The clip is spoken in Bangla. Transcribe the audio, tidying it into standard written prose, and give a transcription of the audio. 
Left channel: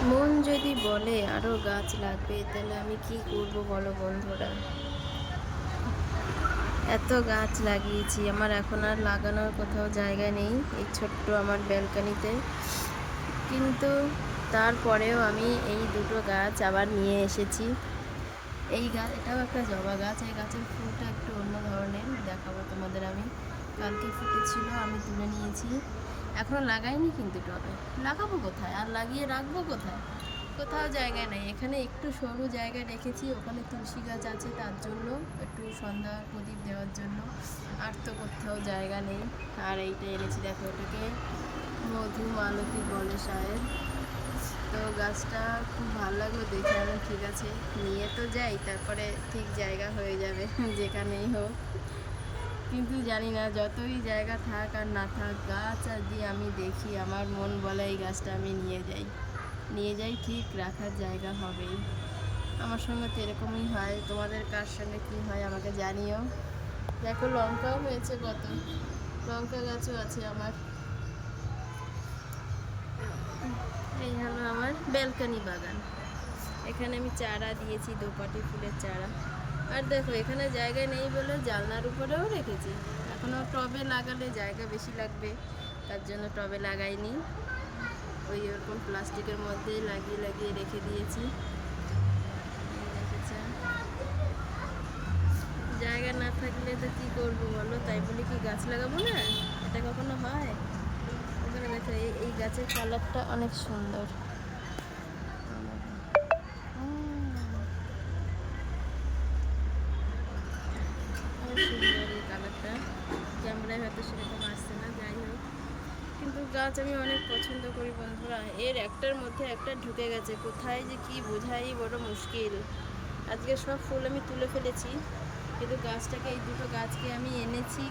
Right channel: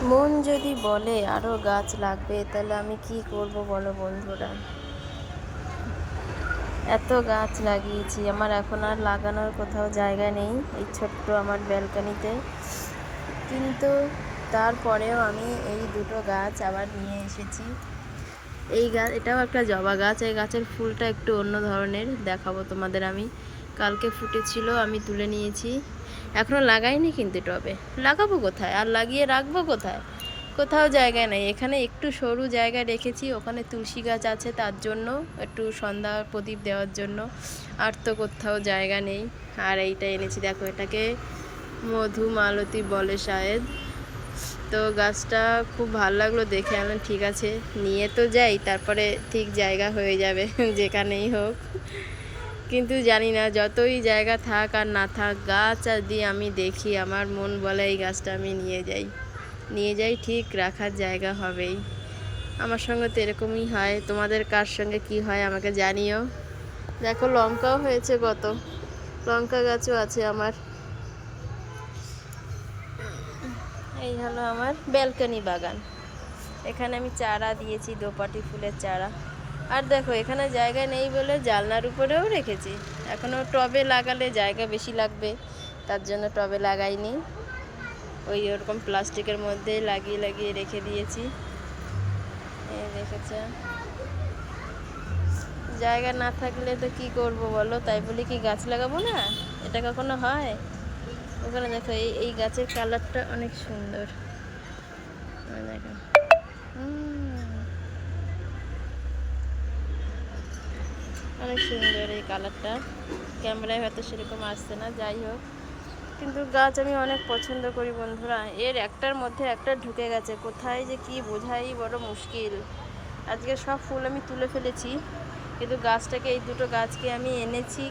মন যদি বলে আরও গাছ লাগবে তাহলে আমি কি করব বলো বন্ধুরা। এত গাছ লাগিয়েছি, আমার এখন আর লাগানোর কোথাও জায়গা নেই এই ছোট্ট আমার ব্যালকনিতে। কিন্তু তারপরেও আমি এই দুটো গাছ আবার নিয়ে এসেছি। এই গাছ, এটাও একটা জবা গাছ। এই গাছের ফুলটা একটু অন্য ধরনের, দেখাবো তোমাদের আমি। কালকে ফুটেছিল, আমি তুলে নিয়েছি। এখনও লাগাইনি কিন্তু টবে। লাগাবো কোথায় আর লাগিয়ে রাখবো কোথায়? কোথাও জায়গা নেই। এখানে একটু সরু জায়গা রেখেছি, ওখানে তুলসী গাছ আছে তার জন্য, একটু সন্ধ্যা প্রদীপ দেওয়ার জন্য। আর তো কোথাও জায়গা নেই। আর এইটা এনেছি, দেখো, এটাকে মধুমালতী বলে শায়দ। তো গাছটা খুব ভালো লাগলো দেখে, আমি ঠিক আছে নিয়ে তো যাই, তারপরে ঠিক জায়গা হয়ে যাবে যেখানেই হোক। কিন্তু জানি না, যতই জায়গা থাক আর না থাক, গাছ আর দিয়ে আমি দেখি, আমার মন বলে এই গাছটা আমি নিয়ে যাই। নিয়ে যাই, ঠিক রাখার জায়গা হবেই। আমার সঙ্গে তো এরকমই হয়। তোমাদের কার সঙ্গে কি হয় আমাকে জানিও। দেখো, লঙ্কাও হয়েছে কত, লঙ্কা গাছও আছে আমার। এই হলো আমার ব্যালকনি বাগান। এখানে আমি চারা দিয়েছি, দোপাটি ফুলের চারা। আর দেখো, এখানে জায়গা নেই বলে জানলার উপরেও রেখেছি। এখনও টবে লাগালে জায়গা বেশি লাগবে, তার জন্য টবে লাগাইনি। ওই ওরকম প্লাস্টিকের মধ্যে লাগিয়ে লাগিয়ে রেখে দিয়েছি। এই দেখেছে, জায়গা না থাকলে তো কি করব বলো, তাই বলি কি গাছ লাগাবো না? এটা কখনো হয়? ওখানে দেখো, এই এই গাছের কালারটা অনেক সুন্দর। দেখো, অনেক সুন্দর এই কালারটা। ক্যামেরায় হয়তো সেরকম আসছে না, যাই হোক। কিন্তু গাছ আমি অনেক পছন্দ করি বন্ধুরা। এর একটার মধ্যে একটা ঢুকে গেছে, কোথায় যে কি বোঝাই বড় মুশকিল। আজকে সব ফুল আমি তুলে ফেলেছি, কিন্তু গাছটাকে, এই দুটো গাছকে আমি এনেছি।